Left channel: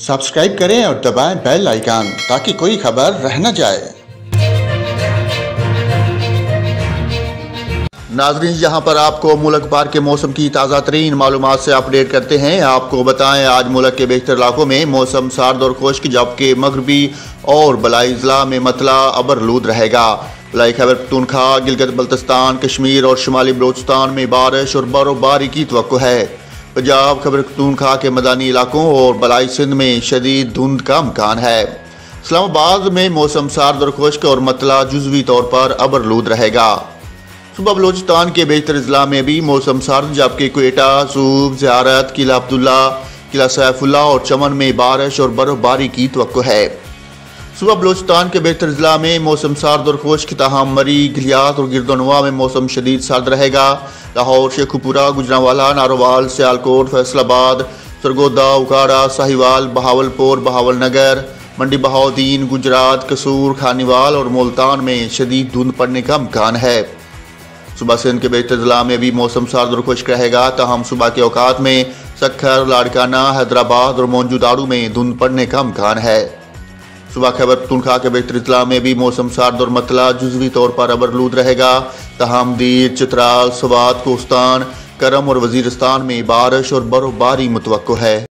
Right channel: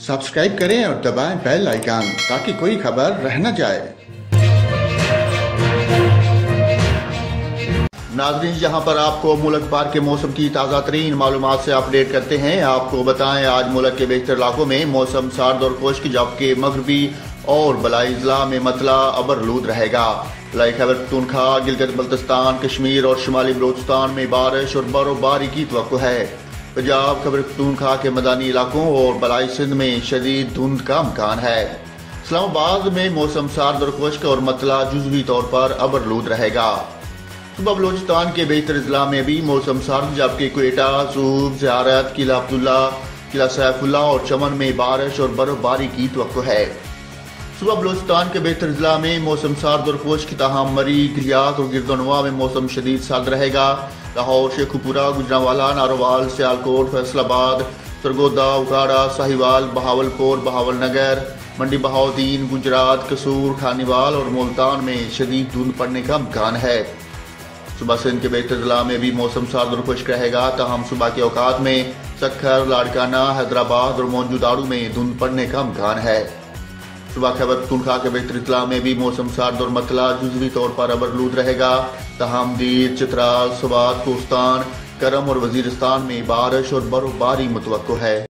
Subscribe करें और दबाएं बेल आइकन ताकि कोई खबर रह न जाए। नाजरीन, यहाँ पर आपको मुल्क भर के मौसम की ताज़ा तरीन मालूमात से अपडेट करते हैं। आपको बताएं, आज मुल्क के बेशतर इलाकों में मौसम सर्द और खुश्क, जबकि मगरबी और बलाई ज़िला में मतला अबरलूद रहेगा। बलाई खैबर पख्तूनख्वा, गिलगित बल्तिस्तान, कश्मीर और शुमाली बलोचिस्तान में बारिश और बर्फबारी की तवक्को है। पंजाब, खैबर पख्तूनख्वा के मैदानी इलाकों और बलाई सिंध में शदीद धुंध का इम्कान है। इस्लामाबाद में मौसम सर्द और खुश्क और मतला जुज़वी तौर पर अबरलूद रहेगा। सुबह बलोचिस्तान के बेहतर ज़िला में भी मौसम सर्द, जबकि क्वेटा, सूब, ज़ियारत, किला अब्दुल्ला, किला सैफुल्ला और चमन में बारिश और बर्फबारी की तवक्को है। सुबह बलोचिस्तान के बेहतर ज़िला में मौसम सर्द और खुश्क, ताहम मरी, गिलियात और गिरदनवा में मौसम शदीद सर्द रहेगा। लाहौर, शेखुपुरा, गुजरांवाला, नारोवाल, सियालकोट, फैसलाबाद, सरगोदा, उकाड़ा, साहिवाल, बहावलपुर, बहावलनगर, मंडी बहाउद्दीन, गुजरात, कसूर, खानीवाल और मुल्तान में शदीद धुंध पड़ने का इम्कान है। सुबह सिंध के बेहतर ज़िला में भी मौसम सर्द और खुश्क रहेगा, ताहम सुबह के औकात में सक्खर, लाड़काना, हैदराबाद और मौजूदाड़ू में धुंध पड़ने का इम्कान है। सुबह खैबर पख्तूनख्वा के बेहतर ज़िला में भी मौसम सर्द और मतला जुज़वी तौर पर अबरलूद रहेगा, ताहम दीर, चित्राल, सवात, कोस्तान, करम और वजीरिस्तान में बारिश और बर्फबारी मुतवक्को है।